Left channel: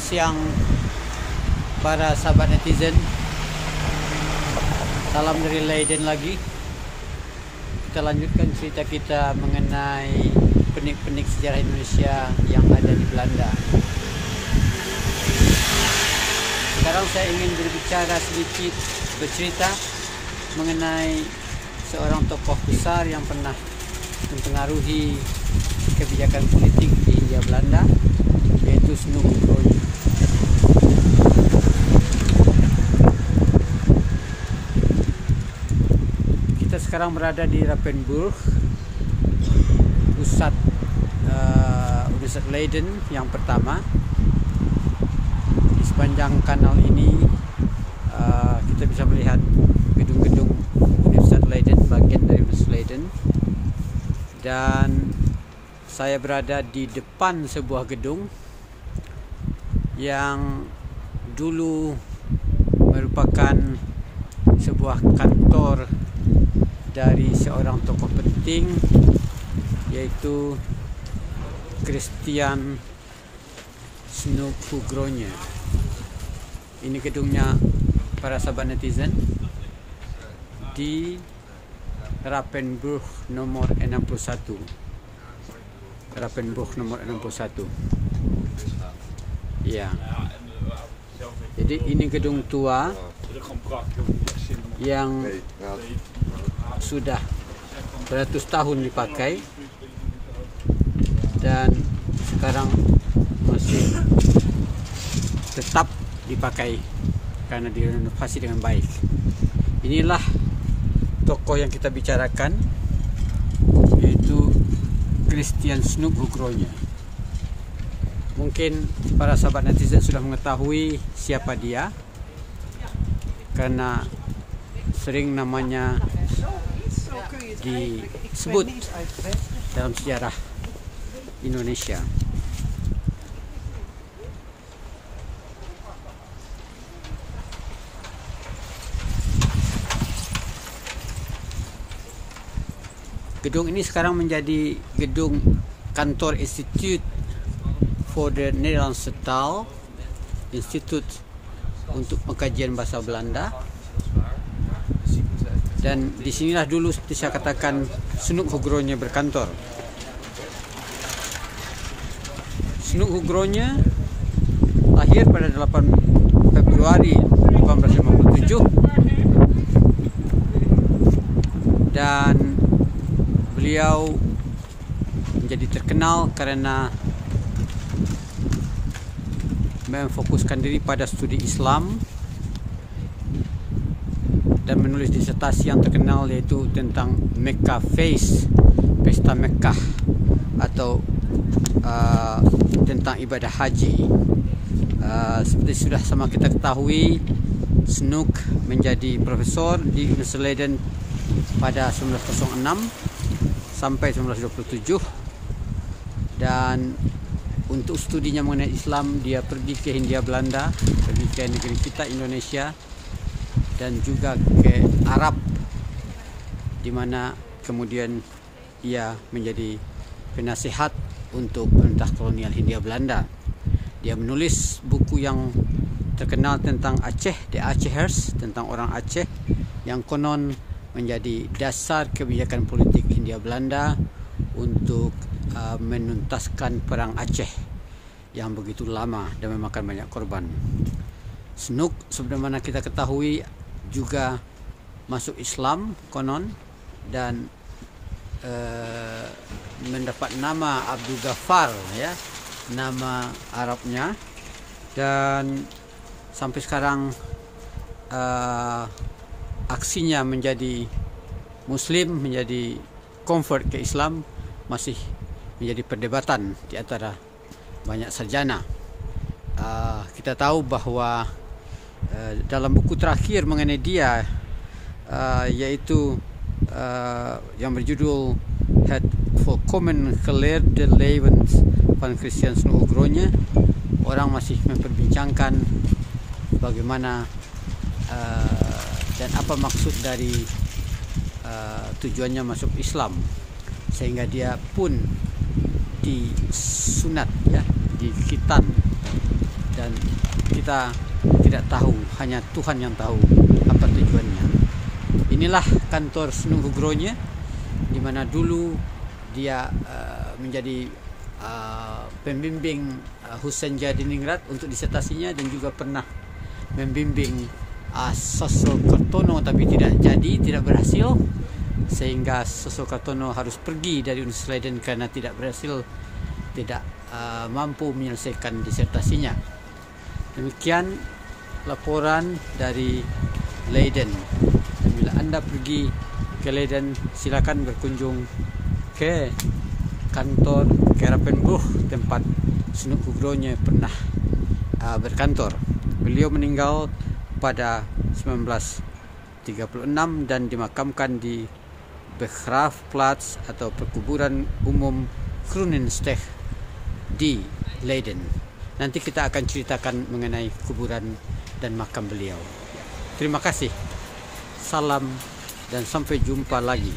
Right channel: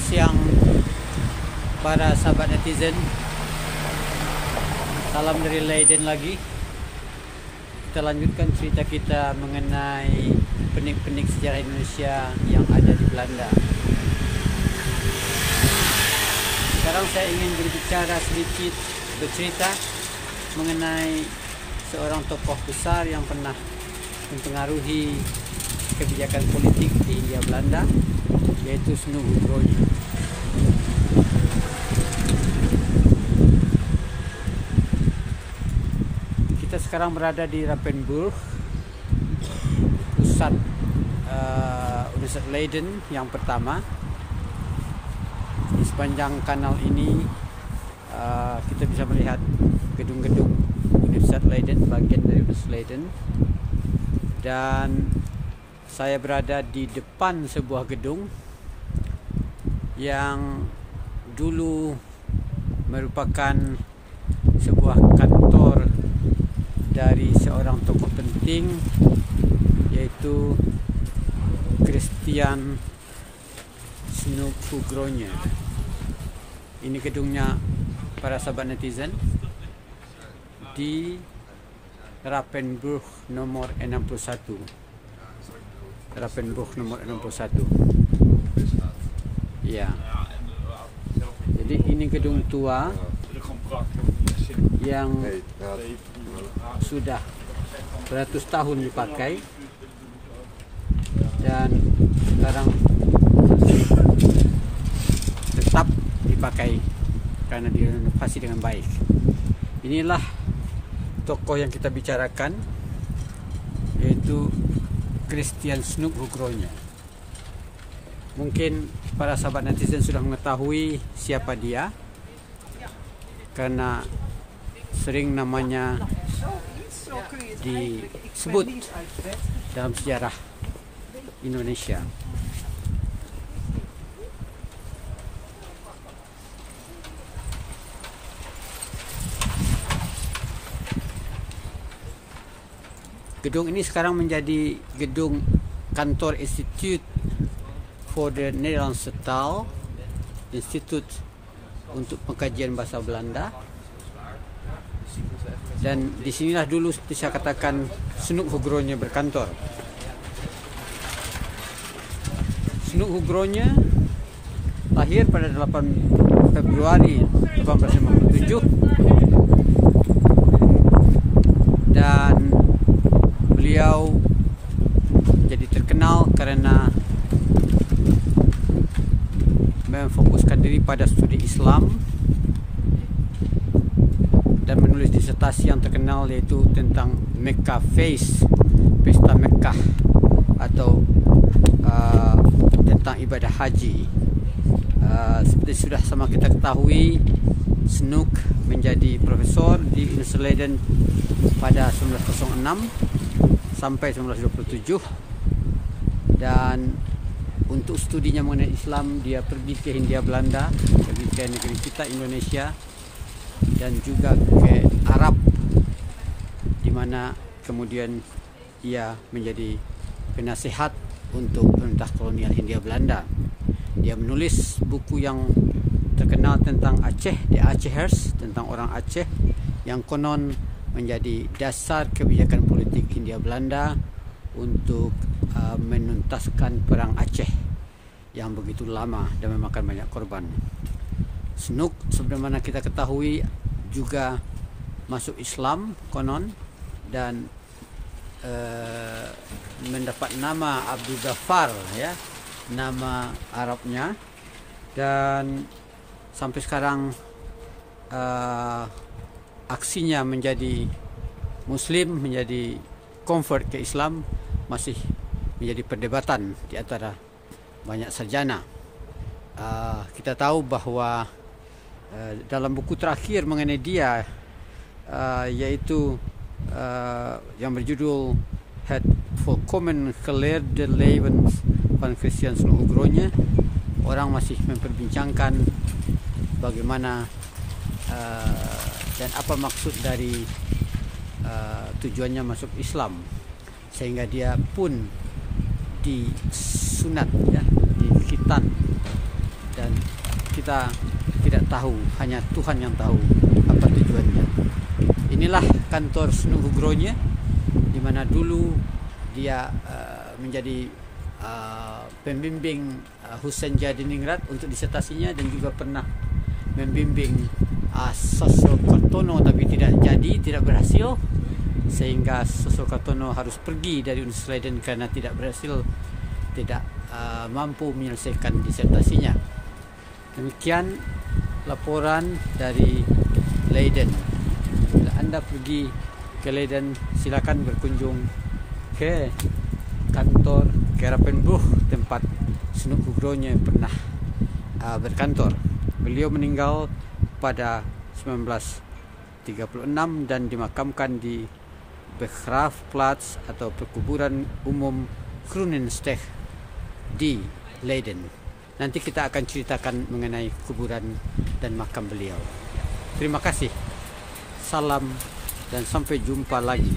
Selamat siang para sahabat netizen. Salam dari Leiden lagi. Kita lanjutkan cerita kita mengenai penik-penik sejarah Indonesia yang ada di Belanda. Sekarang saya ingin berbicara sedikit, bercerita mengenai seorang tokoh besar yang pernah mempengaruhi kebijakan politik di Hindia Belanda, yaitu Snoek Oegrogne. Kita sekarang berada di Rapenburg, pusat Universitas Leiden yang pertama. Di sepanjang kanal ini kita bisa melihat gedung-gedung Universitas Leiden, bagian dari Universitas Leiden. Dan saya berada di depan sebuah gedung yang dulu merupakan sebuah kantor dari seorang tokoh penting, yaitu Christian Snoek Oegrogne. Ini gedungnya para sahabat netizen di Rapenburg nomor 61. Rapenburg nomor 61. Ya. Jadi ini gedung tua yang sudah beratus tahun dipakai dan sekarang masih tetap dipakai karena direnovasi dengan baik. Inilah tokoh yang kita bicarakan, yaitu Christian Snoek Oegrogne. Mungkin para sahabat netizen sudah mengetahui siapa dia, karena sering namanya disebut dalam sejarah Indonesia. Gedung ini sekarang menjadi gedung kantor Institute for the Nederlandse Taal, Institut untuk Pengkajian Bahasa Belanda. Dan disinilah dulu saya katakan Snoek Oegrogne berkantor. Snoek Oegrogne lahir pada 8 Februari 1857 dan beliau jadi terkenal karena memfokuskan diri pada studi Islam dan menulis disertasi yang terkenal, yaitu tentang Mecca Feast, Pesta Mekkah, atau tentang ibadah haji. Seperti sudah sama kita ketahui, Snoek menjadi profesor di Universitas Leiden pada 1906 sampai 1927, dan untuk studinya mengenai Islam dia pergi ke Hindia Belanda, pergi ke negeri kita Indonesia, dan juga ke Arab, di mana kemudian ia menjadi penasihat untuk pemerintah kolonial Hindia Belanda. Dia menulis buku yang terkenal tentang Aceh, The Acehers, tentang orang Aceh yang konon menjadi dasar kebijakan politik Hindia Belanda untuk menuntaskan perang Aceh yang begitu lama dan memakan banyak korban. Snoek, sebagaimana kita ketahui, juga masuk Islam konon dan mendapat nama Abdul Ghaffar, ya, nama Arabnya, dan sampai sekarang aksinya menjadi Muslim, menjadi convert ke Islam, masih menjadi perdebatan di antara banyak sarjana. Kita tahu bahwa dalam buku terakhir mengenai dia, yaitu yang berjudul Het Volkomen Geleerde Leven van Christian Snoek Oegrogne, orang masih memperbincangkan bagaimana dan apa maksud dari tujuannya masuk Islam, sehingga dia pun disunat, ya, dikhitan dan kita tidak tahu, hanya Tuhan yang tahu apa tujuannya. Inilah kantor Snook Hugronya, di mana dulu dia menjadi pembimbing Husain Jadiningrat untuk disertasinya, dan juga pernah membimbing Sosokartono, tapi tidak berhasil, sehingga Sosokartono harus pergi dari Universitas Leiden karena tidak mampu menyelesaikan disertasinya. Demikian laporan dari Leiden. Bila Anda pergi ke Leiden, silakan berkunjung ke kantor Kerapenbuch, tempat Snook Hugronya pernah berkantor. Beliau meninggal pada 1936 dan dimakamkan di Begraafplaats atau perkuburan umum Groenensteeg di Leiden. Nanti kita akan ceritakan mengenai kuburan dan makam beliau. Terima kasih. Salam dan sampai jumpa lagi.